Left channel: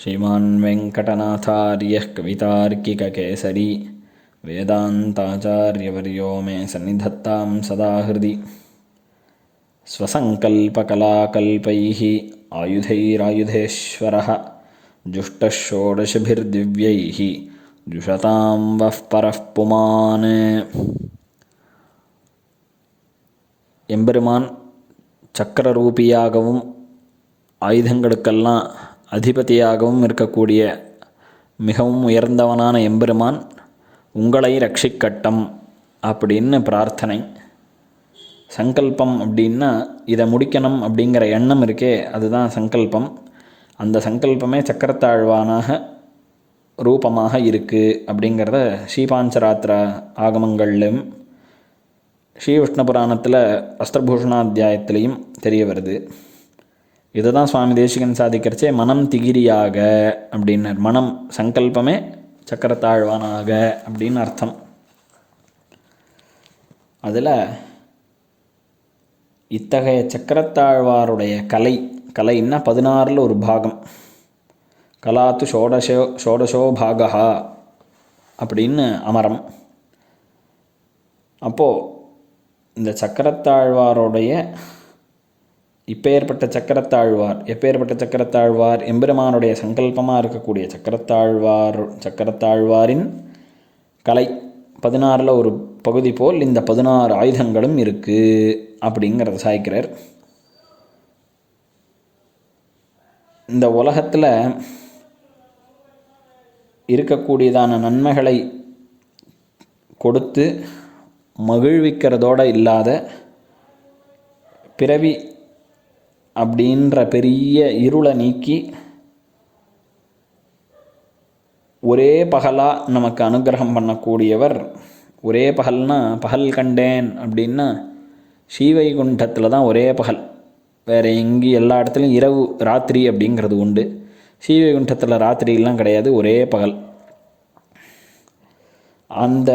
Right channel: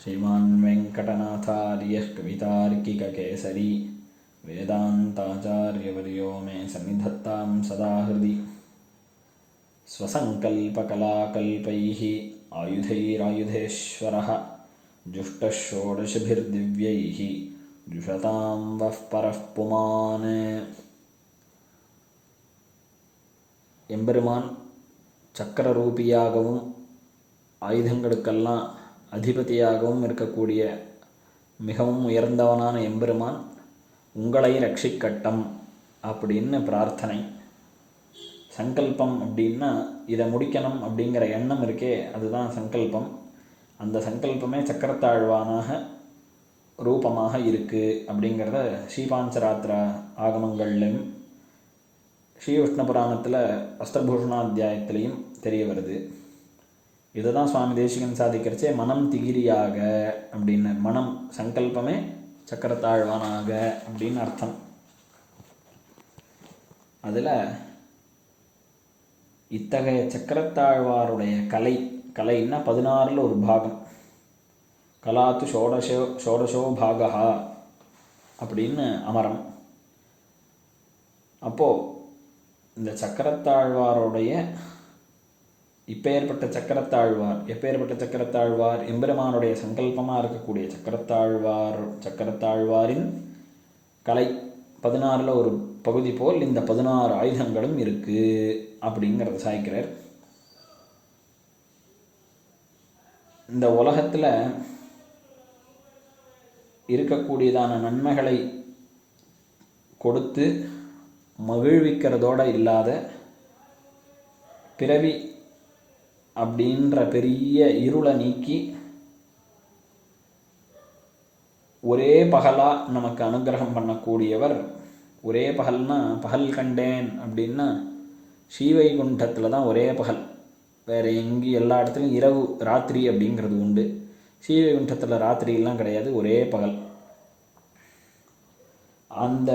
श्रीमान् वेङ्कटनाथार्यः कवितार्किककेसरी वेदान्ताचार्यवर्यो मे सन्निधत्तां सदा हृदि स्वसङ्कल्पकलाकल्पैः आयुधैरायुधेश्वरः जुष्टः षोडशभिर्दिव्यैः जुषतां वः परः पुमान् எம்பெருமான் சக்கரரூபியாகவும் ஆயுதங்களுக்கெல்லாம் அதிபதியாகவும் இருக்கக்கூடிய மிகவும் உயர்ந்தவனான எம்பெருமான் உங்களை ரட்சிக்கட்டும் அப்படின்னு பிரார்த்தனை. சங்கல்பம் அப்படின்னா இதை முடிக்கணும் அப்படிங்கிற எண்ணம் இருக்கே அதுதான் சங்கல்பம். அந்த சங்கல்பமே சக்கரத்தாழ்வானாக ரூபமாக இருக்குது அப்படிங்கிறத ஸ்ரீபாஞ்சராத்திரா ஆகமங்கள்லையும் ஸ்ரீ விஷ்ணு புராணத்தில் அஸ்திரபூஷணாத்தியாயத்திலையும் தெரிய வருது. இதை தான் சுவாமி தேசிகன் சாதிக்கிறச்சே மனம் திகிரியாக அப்படின்னார். மனம் சங்கல்பமே சக்கரத்தாழ்வானாக அப்படின்னு அர்த்தம். அதில் இத்தகைய சக்கரத்தாழ்வாருடைய கலை கலைன்னா பதினாறில் ஒரு பாகம். கலாத்து ஷோடசோ ஷோடசோ பாகா அப்படின்னு அமரம். அப்போது இந்த சக்கரத்தாழ்வாருடைய இப்பேற்பட்ட சக்கரத்தாழ்வார் எப்பேற்பட்ட சக்கரத்தாழ்வார் எம்பெருமானுடைய சங்கல்பமாக இருக்கக்கூடிய சக்கரத்தாழ்வார் சக்கரத்தாழ்வாரின் கலை பதினாறில் ஒரு பகுதி போல் இந்த பதினாறு ஆயுதங்களும் இருக்குது அப்படிங்கிறத சாய்க்கிறார். இந்த உலகத்தில் இருக்கக்கூடியதான நன்மைகளை கொடுத்து மகிழ்விக்கிறதோடு இல்லாத பிறவி அப்படின்ற பெரிய இருளை நீக்கி ஒரே பகலாக நமக்கு அனுகிரகம் பண்ணக்கூடியவர் ஒரே பகல்னா பகல் கண்டேன் அப்படின்னா ஸ்ரீவைகுண்டத்தில் தான் ஒரே பகல். வேறு எங்கேயும் எல்லா இடத்துலையும் இரவு ராத்திரி அப்படிங்கிறது உண்டு. ஸ்ரீவைகுண்டத்தில் ராத்திரிலாம் கிடையாது ஒரே பகல். அந்த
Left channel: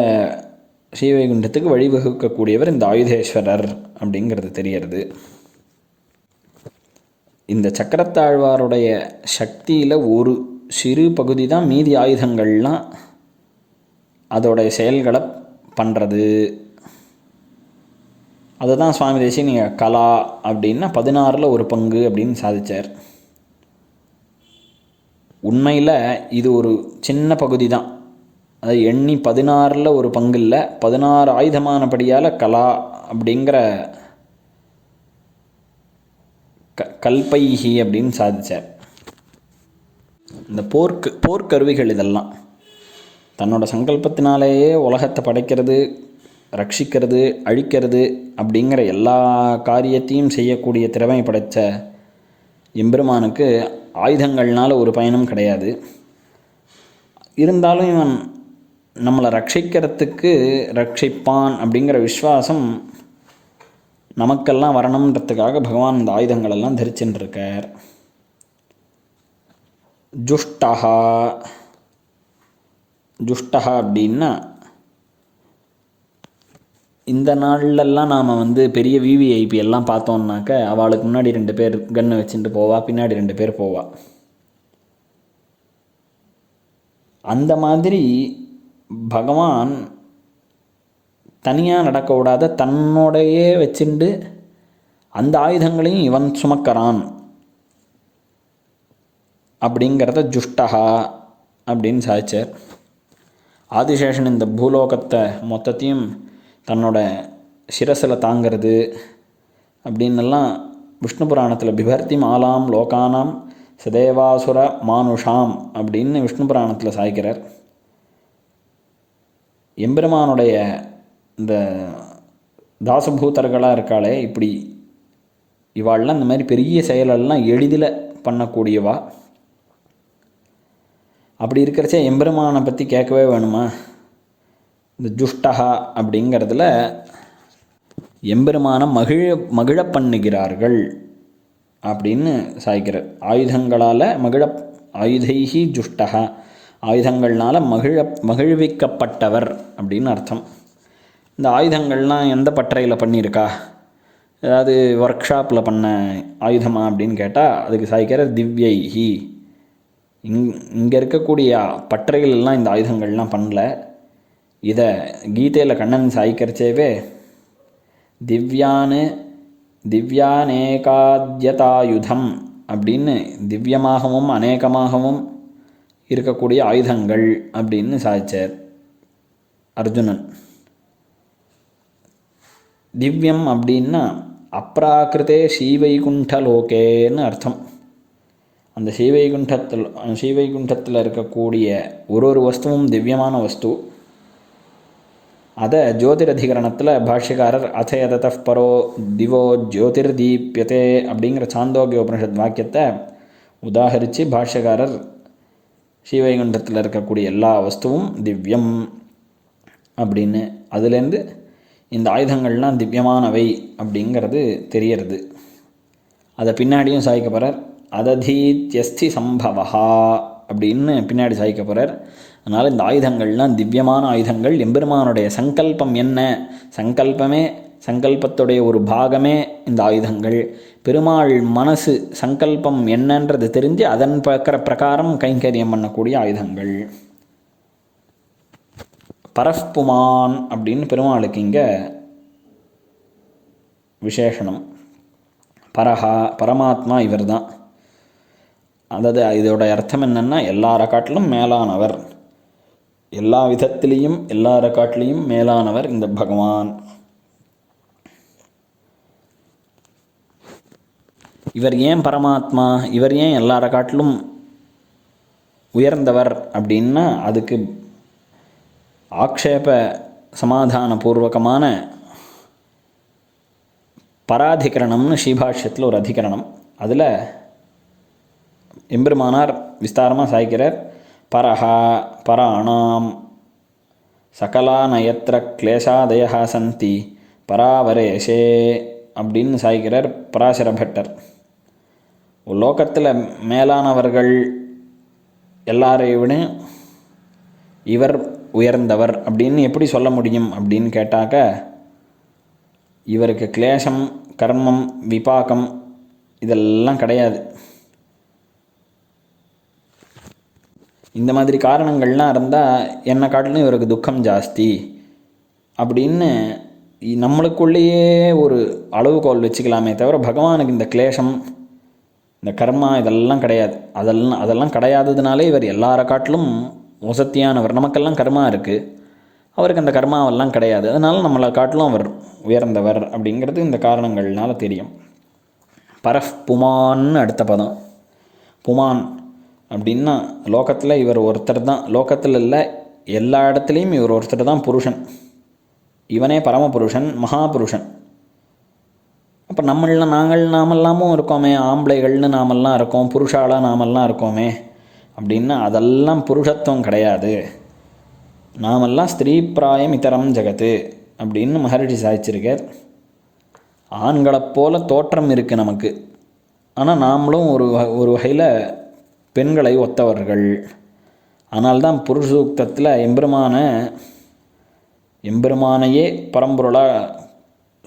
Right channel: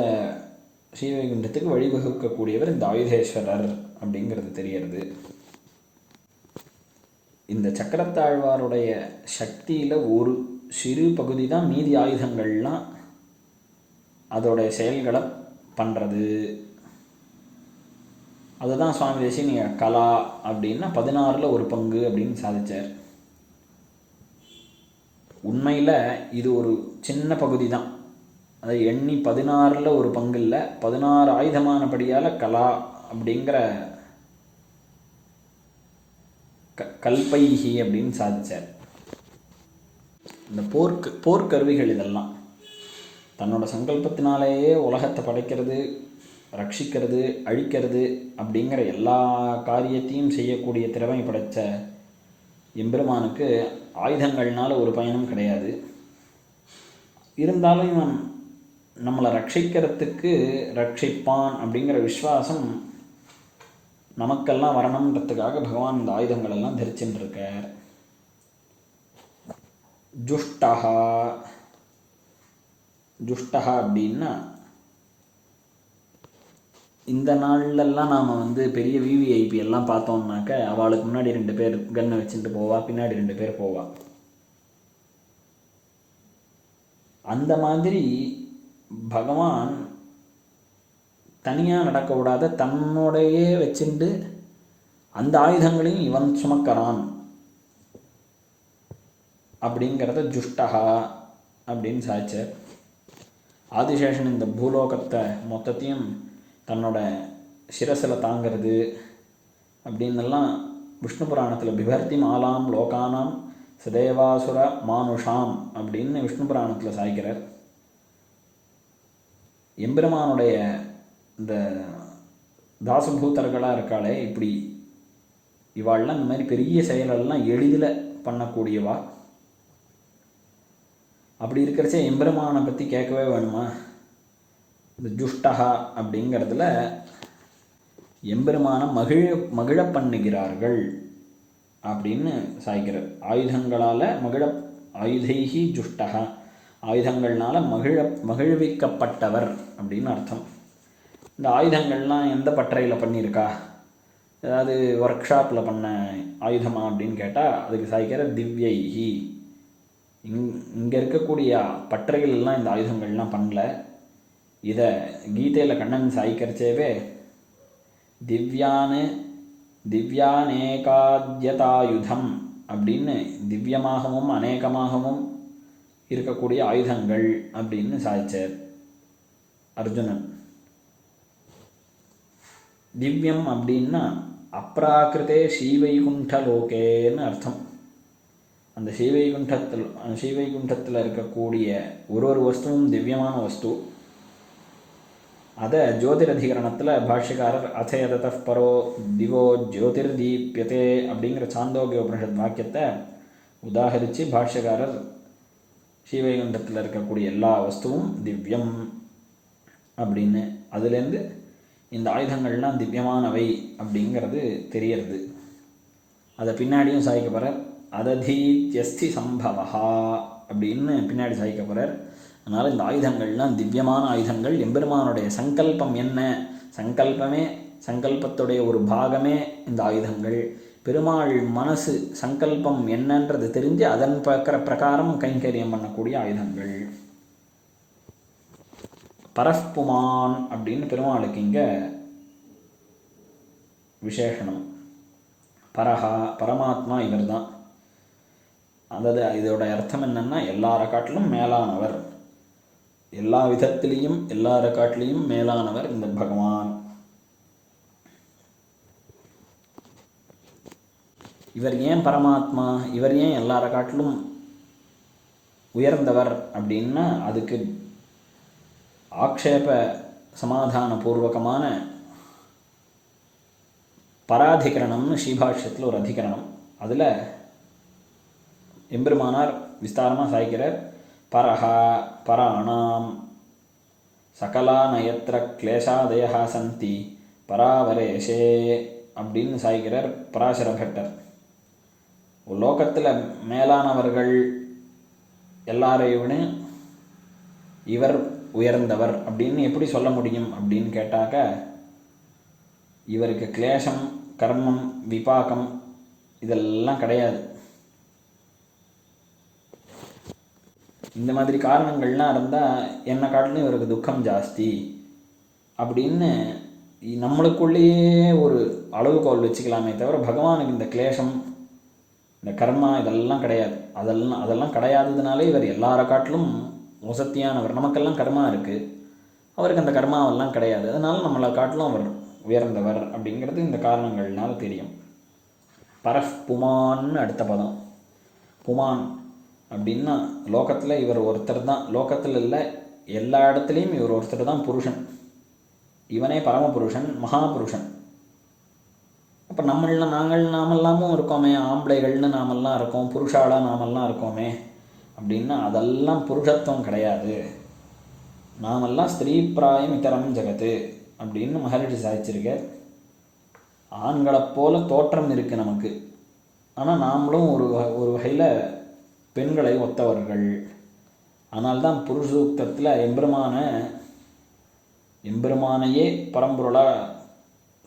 ஸ்ரீவைகுண்டத்துக்கு வழிவகுக்கக்கூடியவர் இந்த ஆயுதேஸ்வரர் அப்படிங்கிறது தெரியறது. இந்த சக்கரத்தாழ்வாருடைய சக்தியில் ஒரு சிறு பகுதி தான் மீதி ஆயுதங்கள்லாம் அதோடைய செயல்களை பண்ணுறது அதை தான் சுவாமி தேசி நீங்கள் கலா அப்படின்னா பதினாறில் ஒரு பங்கு அப்படின்னு சாதித்தார் உண்மையில் இது ஒரு சின்ன பகுதி தான் அதை எண்ணி பதினாறில் ஒரு பங்கு இல்லை பதினாறு ஆயுதமானபடியால் கலா அப்படிங்கிற க கல்பைஹி அப்படின்னு சாதித்தார் இந்த போர்க்கு போர்க்கருவிகள் இதெல்லாம். தன்னோட சங்கல்பத்தினாலேயே உலகத்தை படைக்கிறது ரட்சிக்கிறது அழிக்கிறது அப்படிங்கிற எல்லா காரியத்தையும் செய்யக்கூடிய திறமை படைத்த எம்பெருமானுக்கு ஆயுதங்கள்னால் ஒரு பயனும் கிடையாது. இருந்தாலும் இவன் நம்மளை ரட்சிக்கிறதுக்கு ரட்சிப்பான் அப்படிங்கிற விஸ்வாசம் நமக்கெல்லாம் வரணுன்றதுக்காக பகவான் இந்த ஆயுதங்களெல்லாம் தரிச்சுட்டு ஜுஷ்டஹா. ஜுஷ்டஹா அப்படின்னா இந்த நாள்லெல்லாம் நாம் வந்து பெரிய விவிஐபி எல்லாம் பார்த்தோம்னாக்க அவளுக்கு முன்னாடி ரெண்டு பேர் கன்று வச்சுட்டு போவா பின்னாடி ரெண்டு பேர் போவா. அந்த மாதிரி பகவான் தனியாக நடக்க விடாத தன்னோடையே வச்சுண்டு அந்த ஆயுதங்களையும் இவன் சுமக்கிறான். அப்படிங்கிறத ஜுஷ்டஹா அப்படின்னு சாதிச்சார். ஆதிசேஷன் இந்த பூலோகத்தை மொத்தத்தையும் தன்னோட சிரசில் தாங்கிறது அப்படின்னெல்லாம் விஷ்ணு புராணத்தில் பிபர்த்தி மாலாம் லோகானாம் சதேவாசுர மானுஷாம் அப்படின்னு விஷ்ணு புராணத்தில் சாய்க்கிறார் எம்பெருமானுடைய இந்த தாசபூதர்களாக இருக்காளே இப்படி இவாள்லாம் இந்த மாதிரி பெரிய செயலெல்லாம் எளிதில் பண்ணக்கூடியவா? அப்படி இருக்கிறச்சே எம்பெருமானை பற்றி கேட்கவே வேணுமா? இந்த ஜுஷ்டஹா அப்படிங்கிறதுல எம்பெருமான மகிழ மகிழ பண்ணுகிறார்கள் அப்படின்னு சாய்க்கிறார் ஆயுதங்களால் மகிழ ஆயுதைஹி ஜுஷ்டஹா ஆயுதங்கள்னால் மகிழ மகிழ்விக்கப்பட்டவர் அப்படின்னு அர்த்தம். இந்த ஆயுதங்கள்லாம் எந்த பட்டறையில் பண்ணியிருக்கா? ஏதாவது ஒர்க் ஷாப்பில் பண்ண ஆயுதமா அப்படின்னு கேட்டால் அதுக்கு சாய்க்கிற திவ்யை ஹி. இங் இங்கே இருக்கக்கூடிய பட்டறைகள்லாம் இந்த ஆயுதங்கள்லாம் பண்ணல. இதை கீதையில் கண்ணன் சாய்க்கரிச்சேவே திவ்யானு திவ்யானேகாத்யதாயுதம் அப்படின்னு திவ்யமாகவும் அநேகமாகவும் இருக்கக்கூடிய ஆயுதங்கள் அப்படின்னு சாய்ச்சார் அர்ஜுனன். திவ்யம் அப்படின்னா அப்ராக்கிருதே ஸ்ரீவைகுண்ட லோகேன்னு அர்த்தம். அந்த ஸ்ரீவைகுண்டத்தில் ஸ்ரீவைகுண்டத்தில் இருக்கக்கூடிய ஒரு ஒரு வஸ்துவும் திவ்யமான வஸ்து. அதை ஜோதிரதிகரணத்தில் பாஷ்யக்காரர் அச்சயதத பரோ திவோ ஜோதிர் ஜோதிர்தீப்யதே அப்படிங்கிற சாந்தோக்கிய உபனிஷத் வாக்கியத்தை உதாகரித்து பாஷ்யக்காரர் ஸ்ரீவைகுண்டத்தில் இருக்கக்கூடிய எல்லா வஸ்துவும் திவ்யம் அப்படின்னு. அதுலேருந்து இந்த ஆயுதங்கள்லாம் திவ்யமானவை அப்படிங்கிறது தெரியறது. அதை பின்னாடியும் சாய்க்க போகிறார் அததீத்யஸ்தி சம்பவா அப்படின்னு பின்னாடி சாய்க்க போகிறார் அதனால் இந்த ஆயுதங்கள்லாம் திவ்யமான ஆயுதங்கள். எம்பெருமானுடைய சங்கல்பம் என்ன? சங்கல்பமே சங்கல்பத்துடைய ஒரு பாகமே இந்த ஆயுதங்கள். பெருமாள் மனசு சங்கல்பம் என்னன்றது தெரிஞ்சு அதன் பக்கிற பிரகாரம் கைங்கரியம் பண்ணக்கூடிய ஆயுதங்கள். பரஃப்புமான் அப்படின்னு பெருமாளுக்கு இங்கே விசேஷனம். பரஹா பரமாத்மா இவர் தான் அதாவது இதோட அர்த்தம் என்னென்னா எல்லா ரக்காட்டிலும் மேலானவர். எல்லா விதத்திலையும் எல்லா ரக்காட்டிலையும் மேலானவர் இந்த பகவான். இவர் ஏன் பரமாத்மா? இவர் ஏன் எல்லா ரக்காட்டிலும் உயர்ந்தவர் அப்படின்னா அதுக்கு ஆக்ஷேப சமாதானபூர்வகமான பராதிகரணம்னு ஸ்ரீபாஷ்யத்தில் ஒரு அதிகரணம். அதில் எம்பெருமானார் விஸ்தாரமாக சாய்க்கிறார். பரஹா பராணாம் சகலானயத்திர கிளேசாதயா சந்தி பராவரேஷே அப்படின்னு சாய்க்கிறார் பராசர பட்டர். லோகத்தில் மேலானவர்கள் எல்லாரையும் விட இவர் உயர்ந்தவர் அப்படின்னு எப்படி சொல்ல முடியும் அப்படின்னு கேட்டாக்க இவருக்கு கிளேசம் கர்மம் விபாகம் இதெல்லாம் கிடையாது. இந்த மாதிரி காரணங்கள்லாம் இருந்தால் என்னை காட்டிலும் இவருக்கு துக்கம் ஜாஸ்தி அப்படின்னு நம்மளுக்குள்ளேயே ஒரு அளவுகோல் வச்சுக்கலாமே தவிர பகவானுக்கு இந்த கிளேஷம் இந்த கர்மா இதெல்லாம் கிடையாது. அதெல்லாம் அதெல்லாம் கிடையாததுனாலே இவர் எல்லாரை காட்டிலும் வசத்தியானவர் நமக்கெல்லாம் கர்மா இருக்குது அவருக்கு அந்த கர்மாவெல்லாம் கிடையாது. அதனால் நம்மளை காட்டிலும் அவர் உயர்ந்தவர் அப்படிங்கிறது இந்த காரணங்கள்னால தெரியும். பரஃப் புமான்னு அடுத்த பதம். புமான் அப்படின்னா லோகத்தில் இவர் ஒருத்தர் தான். லோகத்தில் இல்லை எல்லா இடத்துலையும் இவர் ஒருத்தர் தான் புருஷன். இவனே பரமபுருஷன் மகாபுருஷன். அப்போ நம்மள நாங்கள் நாமெல்லாமும் இருக்கோமே. ஆம்பளைகள்னு நாமெல்லாம் இருக்கோம். புருஷாலாக நாமெல்லாம் இருக்கோமே. அப்படின்னா அதெல்லாம் புருஷத்துவம் கிடையாது. நாமெல்லாம் ஸ்திரீ பிராயம் இதரம் ஜெகத்து அப்படின்னு மகரிஷி சாதிச்சிருக்கார். ஆண்களைப் போல தோற்றம் இருக்குது நமக்கு. ஆனால் நாமளும் ஒரு வ- ஒரு வகையில் பெண்களை ஒத்தவர்கள். ஆனால்தான் புருஷூக்தத்தில் எம்பெருமான எம்பெருமானையே பரம்பொருளாக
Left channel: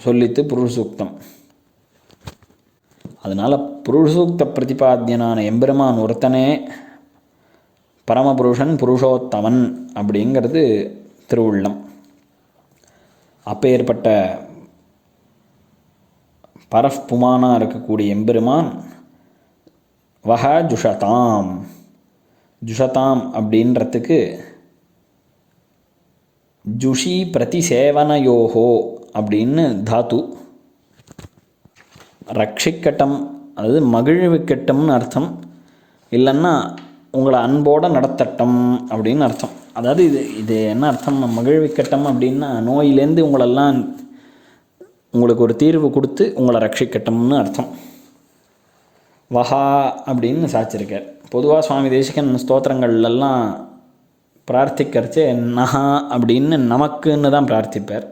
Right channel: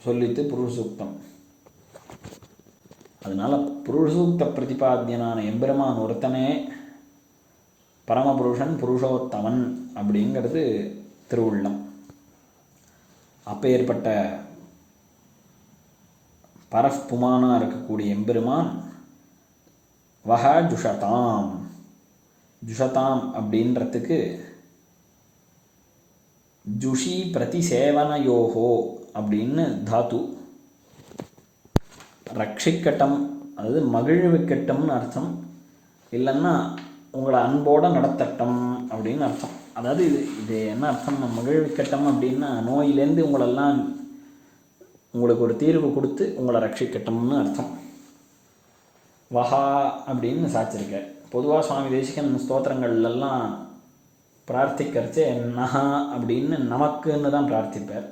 சொல்லித்து புருஷூக்தம் அதனால் புருஷூக்த பிரதிபாத்தியனான எம்பெருமான் ஒருத்தனே பரமபுருஷன் புருஷோத்தமன் அப்படிங்கிறது திருவுள்ளம். அப்பேற்பட்ட பரஃபுமானாக இருக்கக்கூடிய எம்பெருமான் வஹ ஜுஷதாம். ஜுஷதாம் அப்படின்றதுக்கு ஜுஷி பிரதிசேவனயோகோ அப்படின்னு தாத்து. ரட்சிக்கட்டம் அதாவது மகிழ்விக்கட்டம்னு அர்த்தம். இல்லைன்னா உங்களை அன்போடு நடத்தட்டும் அப்படின்னு அர்த்தம். அதாவது இது இது என்ன அர்த்தம்? மகிழ்விக்கட்டம் அப்படின்னா நோயிலேருந்து உங்களெல்லாம் உங்களுக்கு ஒரு தீர்வு கொடுத்து உங்களை ரட்சிக்கட்டம்னு அர்த்தம். வஹா அப்படின்னு சாச்சிருக்கார். பொதுவாக சுவாமி தேசிகன் ஸ்தோத்திரங்கள்லாம் பிரார்த்திக்கிறச்சு நஹா அப்படின்னு நமக்குன்னு தான் பிரார்த்திப்பார்.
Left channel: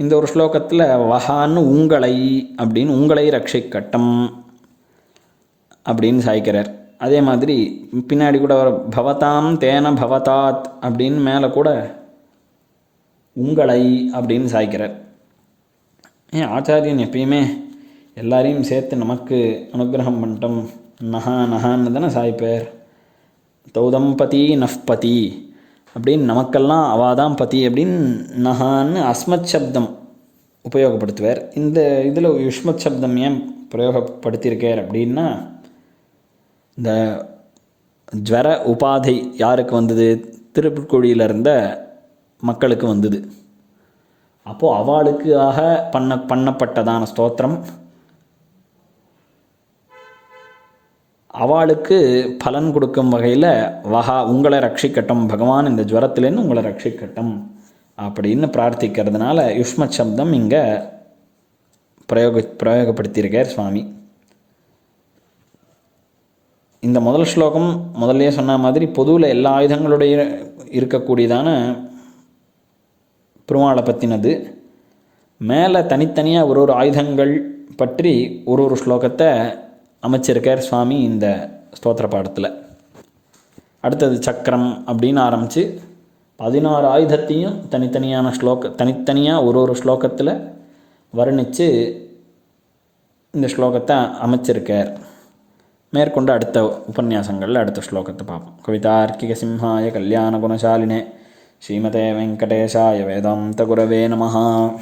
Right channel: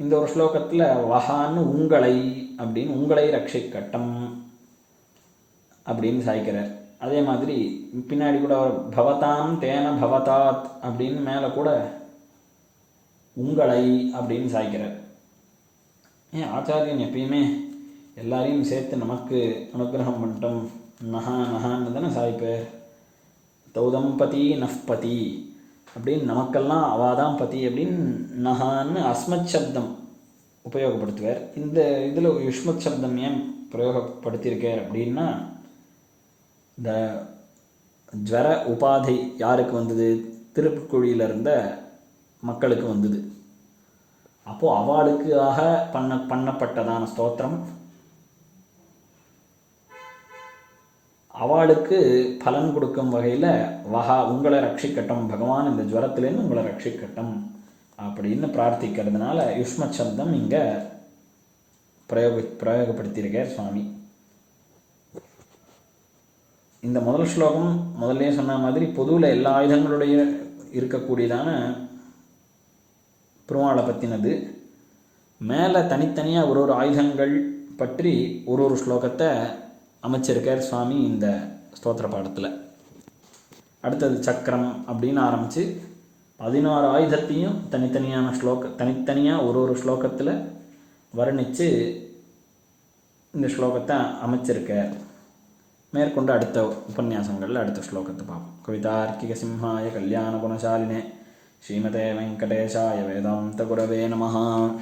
இந்த ஒரு ஸ்லோகத்தில் வஹான்னு உங்களை அப்படின்னு உங்களை ரட்சிக்கட்டம் அப்படின்னு சாய்க்கிறார். அதே மாதிரி பின்னாடி கூட வர பவதாம் தேன பவதாத் அப்படின்னு மேலே கூட உங்களை அப்படின்னு சாய்க்கிறார். ஏன் ஆச்சாரியன் எப்பயுமே எல்லாரையும் சேர்த்து நமக்கு அனுகிரகம் பண்ணிட்டோம். நஹா நஹான்னு தானே சாய்ப்பார். தௌதம்பதி நஃப் பதி அப்படின்னு நமக்கெல்லாம் அவள் பதி அப்படின்னு நகான்னு அஸ்மத் சப்தம் உபயோகப்படுத்துவார். இந்த இதில் யுஷ்மத் சப்தம் ஏன் பிரயோகப்படுத்தியிருக்கார் அப்படின்னா இந்த ஜுவர உபாதை யாருக்கு வந்தது? திருப்புக்குழியில் இருந்த மக்களுக்கு வந்தது. அப்போது அவளுக்காக பண்ண பண்ணப்பட்டதான ஸ்தோத்திரம். அவளுக்கு பலன் கொடுக்கும் வகையில் வகா உங்களை ரட்சிக்கட்டும் பகவான் இந்த ஜுவரத்துலேருந்து உங்களை ரட்சிக்கட்டும் அப்படின்னு பிரார்த்திக்கிறதுனால யுஷ்ம சப்தம் இங்கே பிரயோக பிரயோகப்படுத்தியிருக்கார் சுவாமி. இந்த முதல் ஸ்லோகம் முதல்லே சொன்ன மாதிரி பொதுவில் எல்லா ஆயுதங்களுடைய இருக்கக்கூடியதான பெருமாளை பற்றினது மேலே தனித்தனியாக ஒரு ஒரு ஆயுதங்கள் பற்றி ஒரு ஒரு ஸ்லோகத்தை அமைச்சிருக்கார் சுவாமி இந்த ஸ்தோத்திர பாடத்தில். அடுத்தது சக்கரம் அப்படின்னு ஆரம்பித்து பதினாறு ஆயுதத்தையும் தனித்தனியான ஸ்லோக தனித்தனியாக ஒரு ஒரு ஸ்லோகத்தில் வர்ணித்து இந்த ஸ்லோகத்தை அமைச்சிருக்கார். மேற்கொண்டு அடுத்த உபன்யாசங்களில் அடுத்த ஸ்லோகத்தை பார்ப்போம். கவிதார்க்கிக சிம்ஹாய கல்யாண குணசாலினே. ஸ்ரீமதே வெங்கடேஷாய வேதாந்த குரவே நமஹா.